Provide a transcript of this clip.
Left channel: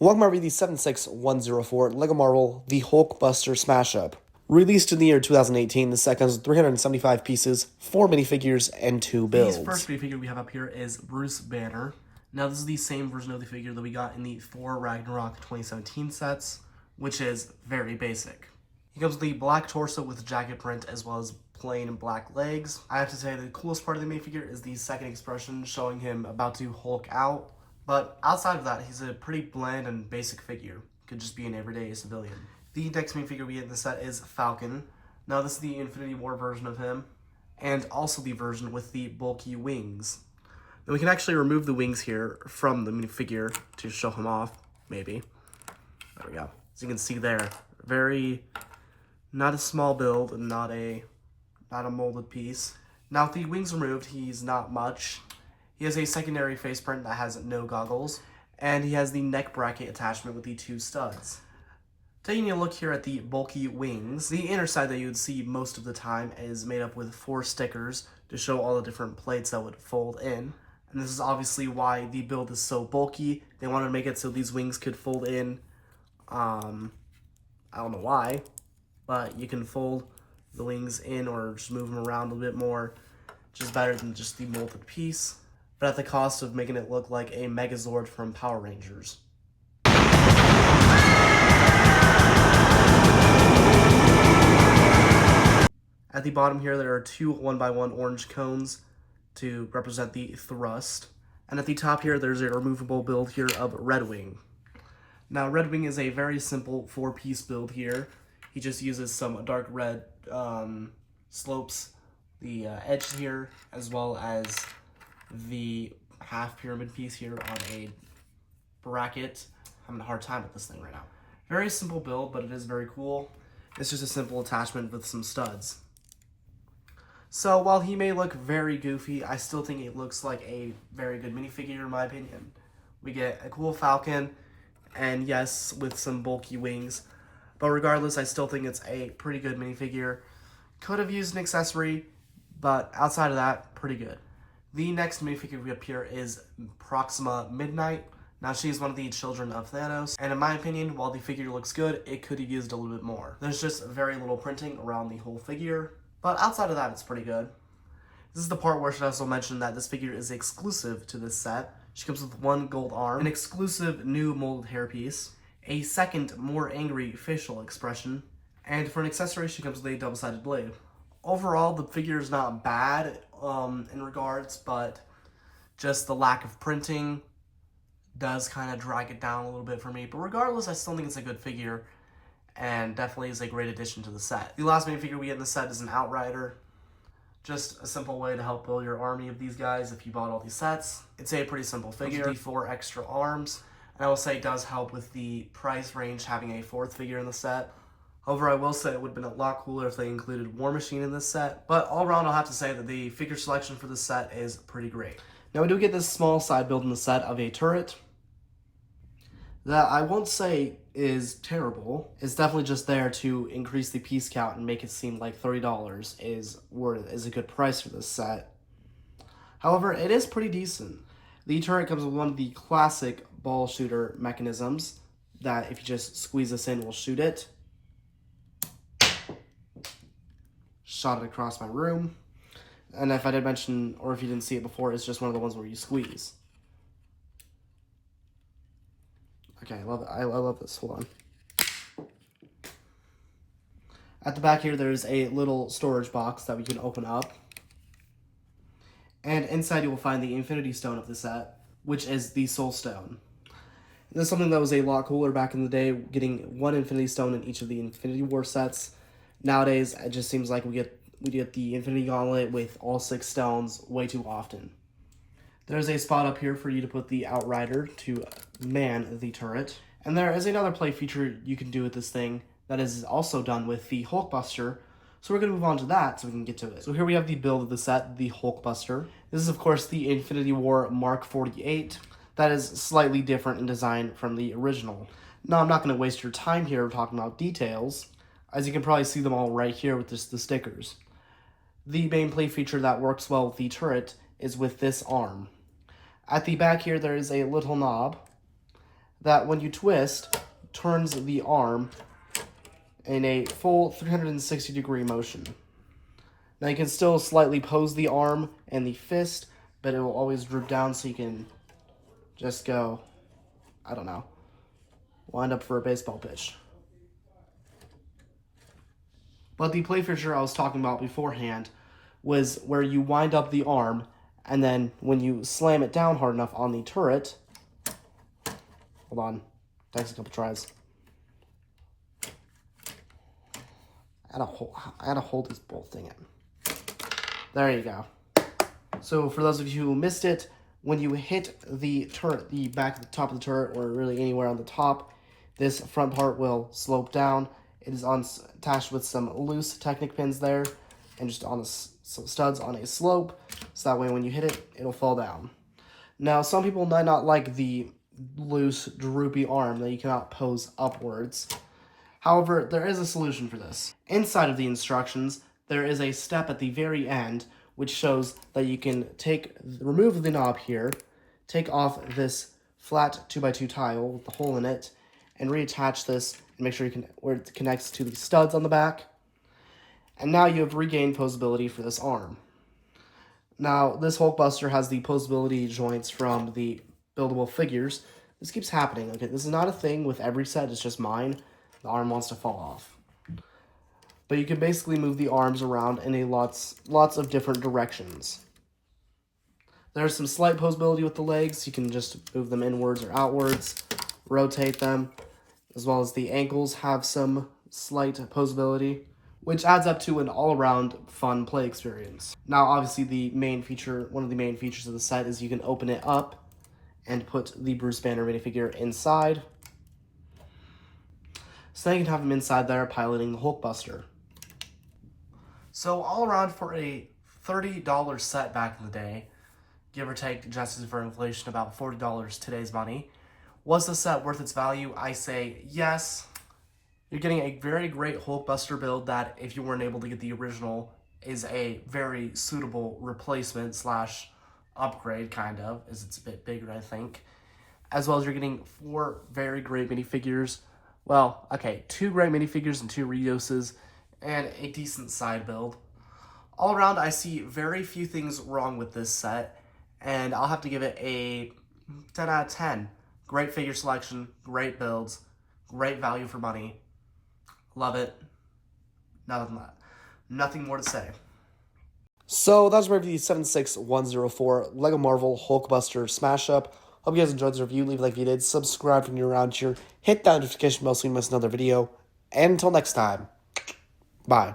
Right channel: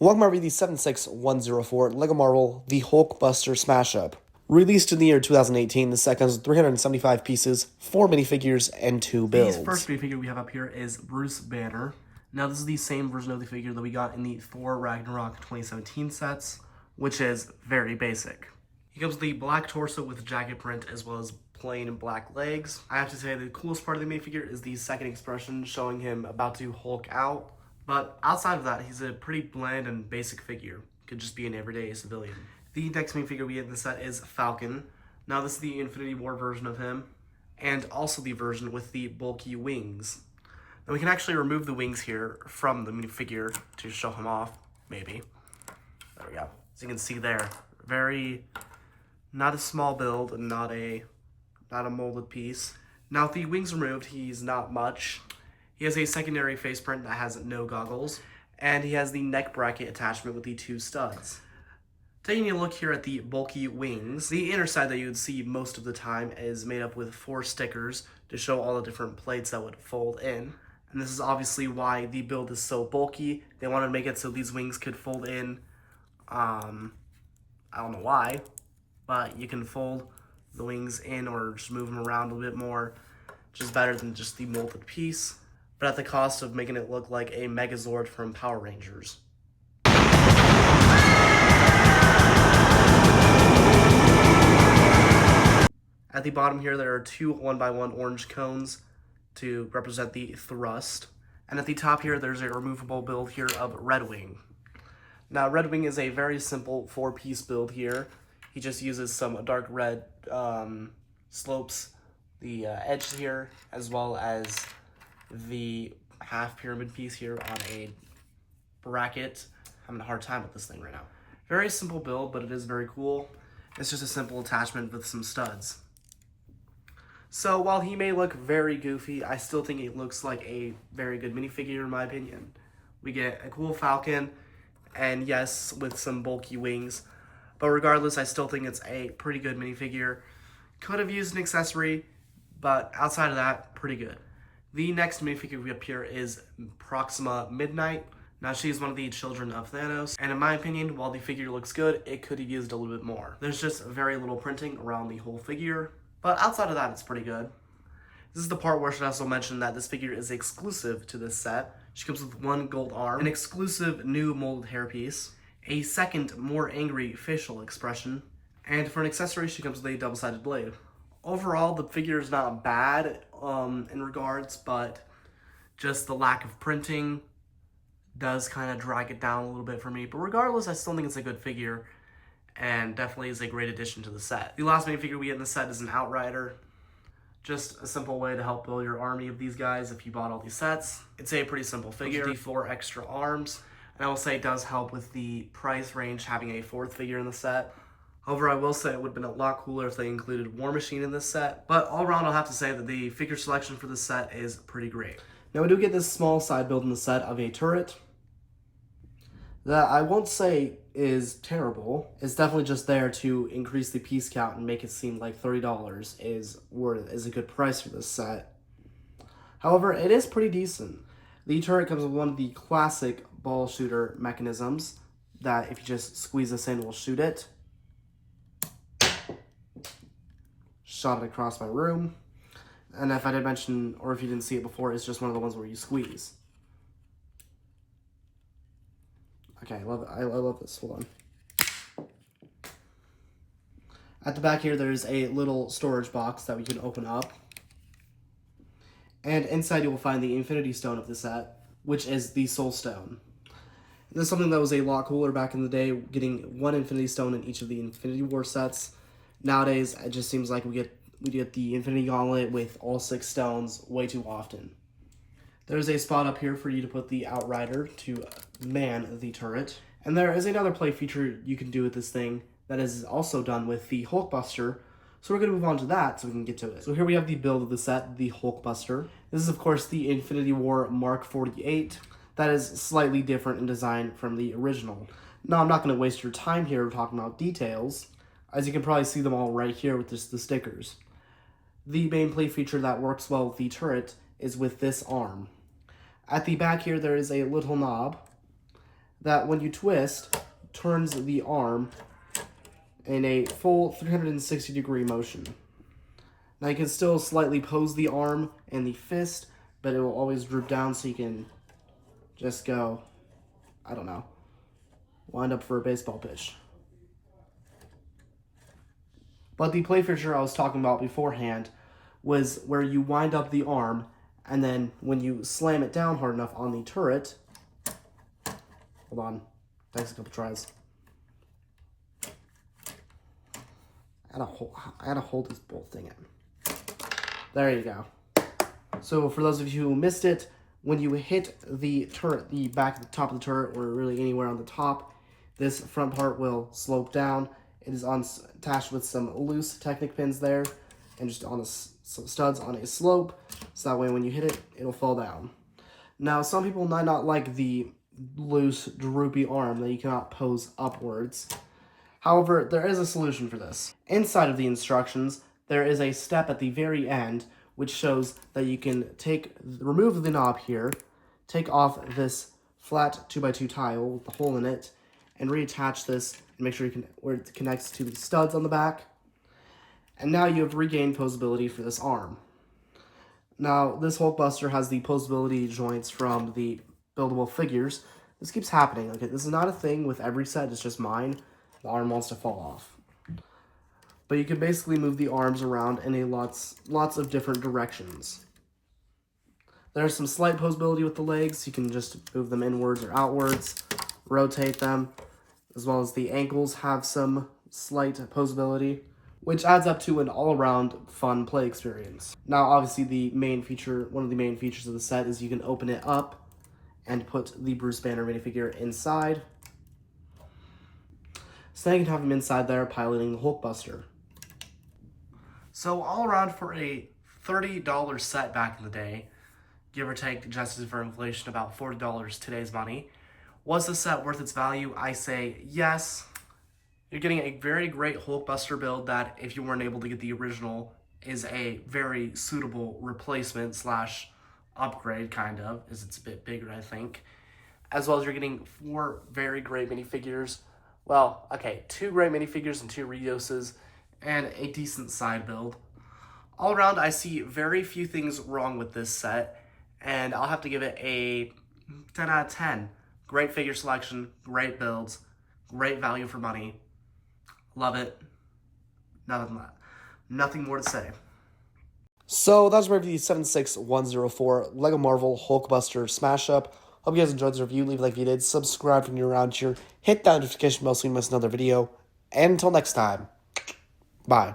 Welcome to the 76104 LEGO Marvel The Hulkbuster Smash Up. Released in the year 2018, the set comes with 375 pieces, 4 minifigures, and 2 builds. The first minifigure we have up here is Bruce Banner. Now this is the same version of the figure that we got in the Thor Ragnarok 2017 sets, which is very basic. He comes with the black torso with jacket print as well as plain black legs. I have to say the coolest part of the minifigure is the second expression showing him about to Hulk out. But outside of that, he's a pretty bland and basic figure. Could just be an everyday civilian. The next minifigure we get in the set is Falcon. Now this is the Infinity War version of him, and also the version with the bulky wings. Now we can actually remove the wings here from the minifigure to show him off, maybe. There we go. As you can see there, not a small build, not a molded piece. Now with the wings removed, he's not much. He has a secondary face print that has no goggles, and he has the neck bracket attachment with the 2 studs. Taking a look here at the bulky wings, the inner side that you would see most of the time is made up with 4 stickers to show all the different plates that would fold in. And this is obviously why the build is so bulky. They wanted to make it so these wings could fold in. I don't know why, but you can fold the wings in or just move them around a little bit more, which is better than just the molded piece, but at the cost of making it look like a Megazord from Power Rangers. At the bottom here, there are 2 1x1 orange cones to represent the thrust. And at the top here, there's a removable build here of Red Wing. Now, Red Wing is a very simple 4-piece build here. He just uses some dark red slopes the edge here, as well as the half pyramid piece here on a bracket. I'm having a hard time with this thing right now. Very simple build, but it is very cool. It's just a simple attachment with some studs. So while he may look very goofy, I still think it looks like a very good minifigure in my opinion. We get a cool Falcon, and yes, with some bulky wings. But regardless, I still think it's a pretty good minifigure. Could have used an accessory, but outside of that, pretty good. The next minifigure we have here is Proxima Midnight. Now she's one of the children of Thanos, and in my opinion, while the figure looks good, it could have used a little bit more. There's just very little printing around the whole figure, but outside of that, it's pretty good. This is the part where I should also mention that this figure is exclusive to this set. She comes with 1 gold arm, an exclusive new molded hairpiece, a second, more angry facial expression, and for an accessory, she comes with a double-sided blade. Overall, the figure is not bad in regards, but just the lack of printing does kind of drag it down a little bit for me. But regardless, I still think it's a good figure and definitely is a great addition to the set. The last minifigure we get in the set is an Outrider. Just a simple way to help build your army of these guys if you bought all these sets. It's a pretty simple figure. The 4 extra arms. And I will say it does help with the price range having a 4th figure in the set. However, I will say it would have been a lot cooler if they included War Machine in this set. But all around, I'll have to say that the figure selection for this set is pretty great. Now we do get this small side build in the set of a turret that I won't say is terrible. It's definitely just there to increase the piece count and make it seem like $30 is a good price for this set. However, it is pretty decent. The turret comes with one of the classic ball shooter mechanisms that if you just squeeze this in, will shoot it. Shot it across my room. And if I did mention, or if you didn't see it before, it's just one of the ones where you squeeze. Okay, I love it. I love this. Hold on. At the back here, there's a little storage box that we can open up. And inside you will find the Infinity Stone of the set, which is the Soul Stone. This is something that was a lot cooler back in the day, getting 1 Infinity Stone in each of the Infinity War sets. Nowadays, it just seems like we get the Infinity Gauntlet with all 6 stones way too often. There's a spot up here for you to put the Outrider to man the turret. And there is another play feature you can do with this thing that is also done with the Hulkbuster. So we're going to move on to that so we can get to it. So here we have the build of the set, the Hulkbuster. This is, of course, the Infinity War Mark 48. That is slightly different in design from the original. Now, I'm not going to waste your time here talking about details, as you can probably see them all right here with just the stickers. The main play feature that works well with the turret is with this arm. At the back here, there is a little knob that when you twist, turns the arm in a full 360-degree motion. Now you can still slightly pose the arm and the fist, but it will always droop down so you can just go, I don't know, wind up for a baseball pitch. But the play feature I was talking about beforehand was where you wind up the arm, and then when you slam it down hard enough on the turret, hold on, takes a couple tries. I gotta hold this whole thing in. There you go. So for those of you who missed it, when you hit the turret, the back of the top of the turret, or really anywhere on the top, this front part will slope down. It is attached with some loose Technic pins there, and just on some studs on a slope, so that way when you hit it, it'll fall down. Now, some people might not like the loose, droopy arm that you cannot pose upwards. However, there is a solution for this. Inside of the instructions, there is a step at the very end which shows that you can remove the knob here, take off this flat 2x2 tile with the hole in it, and reattach this and make sure where it connects to the studs on the back. And now you have regained posability for this arm. Now, this Hulkbuster has the posability joints from the buildable figures. This keeps happening. Okay, this is not a thing with every set, it's just mine. The arm wants to fall off. But you can basically move the arms around in lots of different directions. There's some slight posability with the legs. You can just move them inwards or outwards, rotate them, as well as the ankles have some slight posability, which adds up to an all-around fun play experience. Now, obviously, one of the main features of the set is you can open it up and put the Bruce Banner minifigure inside. So now you can have him inside there piloting the Hulkbuster. So all around for a $30 set back in the day, give or take, adjusted for inflation, about $40 today's money. Was the set worth its value? I say yes. You're getting a very great Hulkbuster build that, if you weren't able to get the original, is a very suitable replacement slash upgrade, kind of, as it's a bit bigger, I think. As well as you're getting 4 very great minifigures. Well, okay, 2 great minifigures and 2 Reioses, and a decent side build. All around, I see very few things wrong with this set, and I'll have to give it a 10 out of 10. Great figure selection, great builds, great value for money. Love it. Nothing more to say. So that's my review 76104 LEGO Marvel Hulkbuster Smash Up. Hope you guys enjoyed this review. Leave a like if you did. Subscribe if you're around here. Hit that notification bell so you miss another video. And until next time, bye.